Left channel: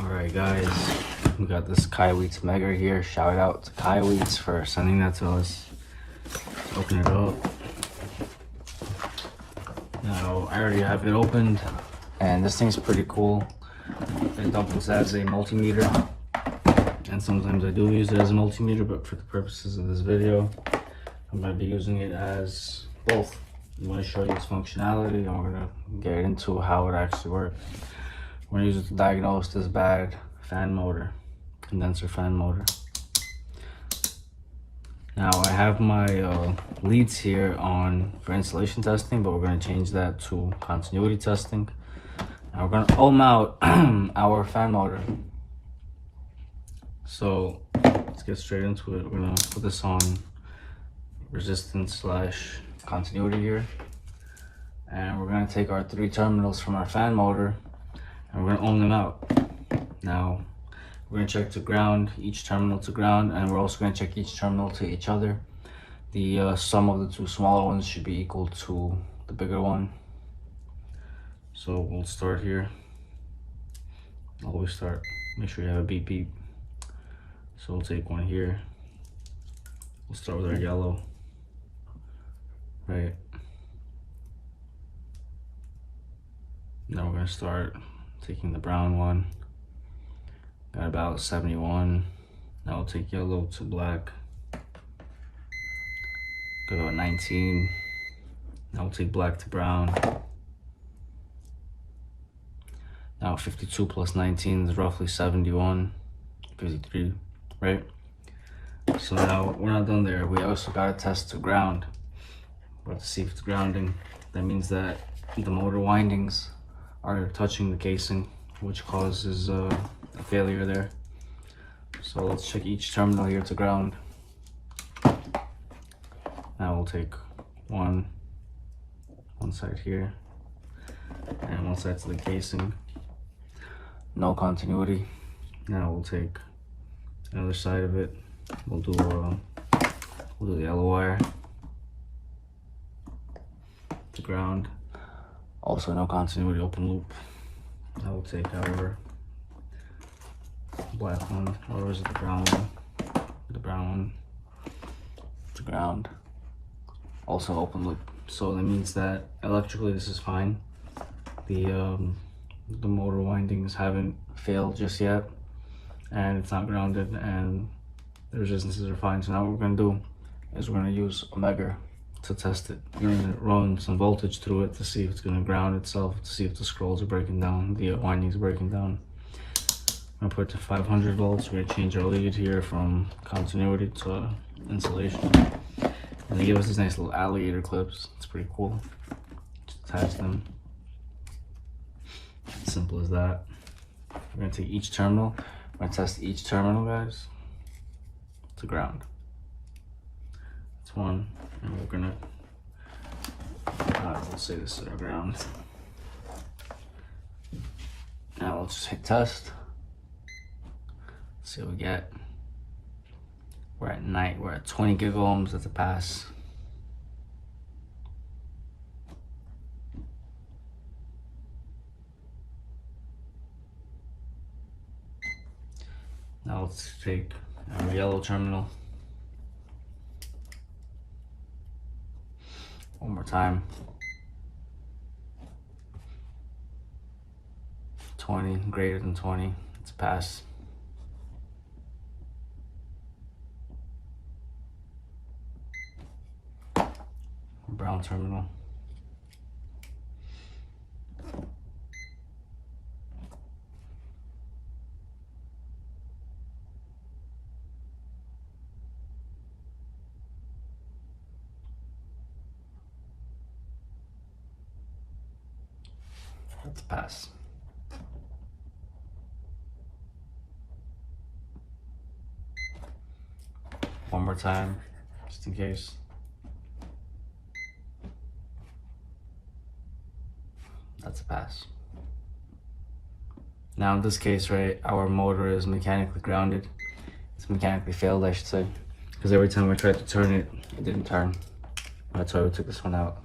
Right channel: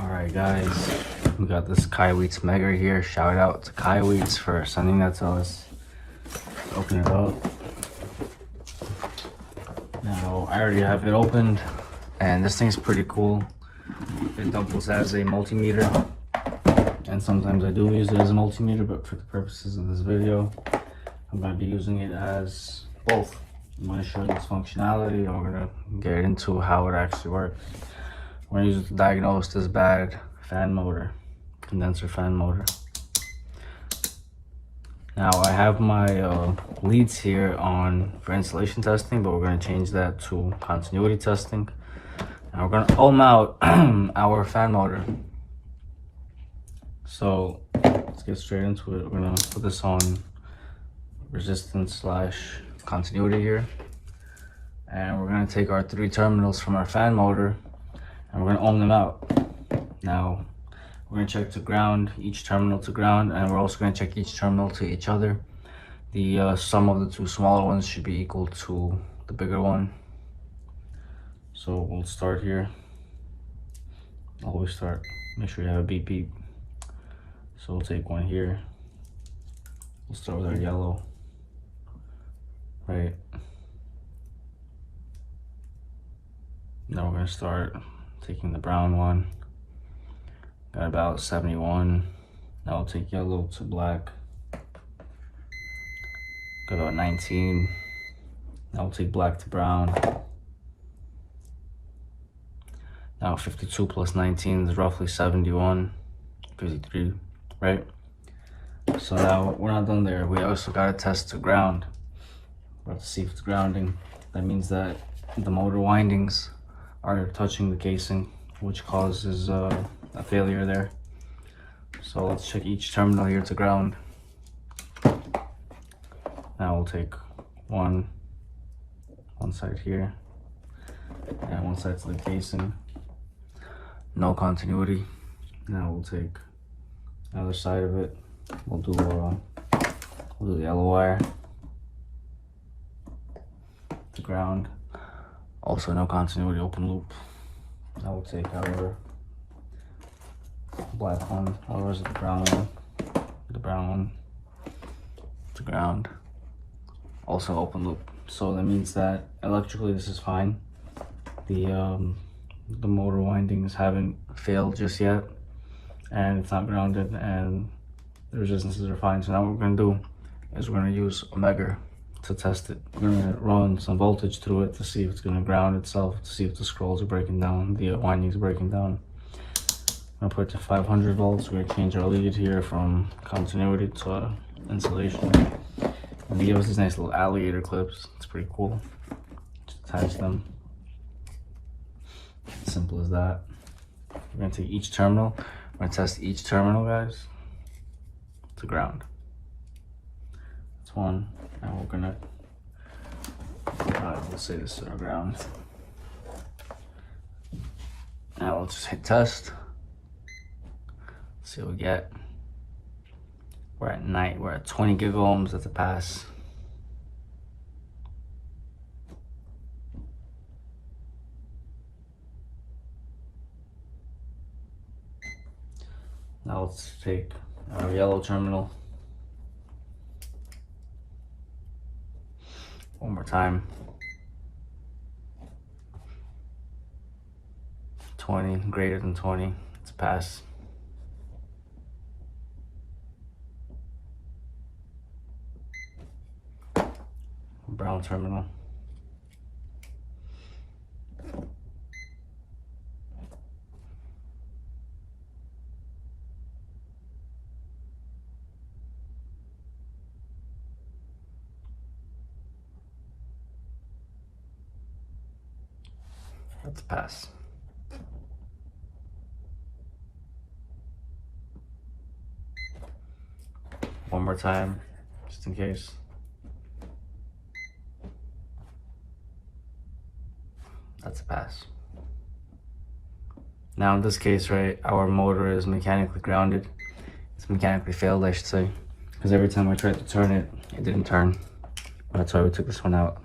Alright guys, we got this KAIWEETS Megger here. Shout out to KAIWEETS for sending that to us. Let's open it up. Now, I already have it opened, and this thing's pretty cool. It doubles as a multimeter, and sometimes I do use it as a multimeter, but for the purposes of this video, I'm going to be using it as both. I'm going to show you its functionality, and we're going to get into how it actually works. We're going to use it to diagnose this bad fan motor, condenser fan motor. Now I have my leads here on for installation testing, but we're going to change that to continuity testing. And we're going to ohm out our fan motor. So let's get straight into it. We're going to put this on resistance / continuity here. And we're going to take our 3 terminals from our fan motor and we're going to ohm them out. Now we're going to check to ground, each terminal to ground, and we're also going to check each terminal to each other. The sum of the 2 smaller ones should be equal to the bigger one. So we'll start here. Always start, make sure you have a beep beep. So we'll take one here. We'll start with our yellow, right? Now we're going to start taking the brown one. Got about 71. Now we'll take yellow to black. Got about 19. Now we'll take black to brown. Now 52 plus 19 is roughly 71, 53, right? So now we're not done there. We also gotta test to ground. We'll have to see if it's grounding. That means that the motor windings are touching the casing, which causes a failure there. So let's check each terminal here to ground. Now we'll take one side here and one side to the casing. No continuity. Now we'll take the other side of it. We'll do the yellow wire to ground. Also no continuity, open loop. Now we'll take our black one, ours is the brown one to ground. Also open loop. So that means that electrically this is fine. The motor windings haven't failed just yet, and it's not grounded, and the resistances are fine. So now what we're going to do is we're going to use a Megger to test it. We're going to run some voltage through it to see if it's going to ground itself, to see if the scrolls are breaking down, the windings are breaking down. I'm going to put it to 500 volts. We're going to change our lead here from continuity to insulation. And they give us these nice little alligator clips. It's pretty cool. Just attach them. Simple as that. We're going to take each terminal. We're going to test each terminal, guys, to ground. That's one. Now we're going to, let's say this is our ground. Now let's just hit test. See what we get. We're at 20 gigohms. That's a pass. Now let's take our yellow terminal. One more time. 20, greater than 20. It's a pass. Brown terminal. That's a pass. One more time, just in case. That's a pass. Now in this case, right, our motor is mechanically grounded. It's mechanically failed, I should say, because every time I tried to turn it, it didn't turn. That's why we took this one out.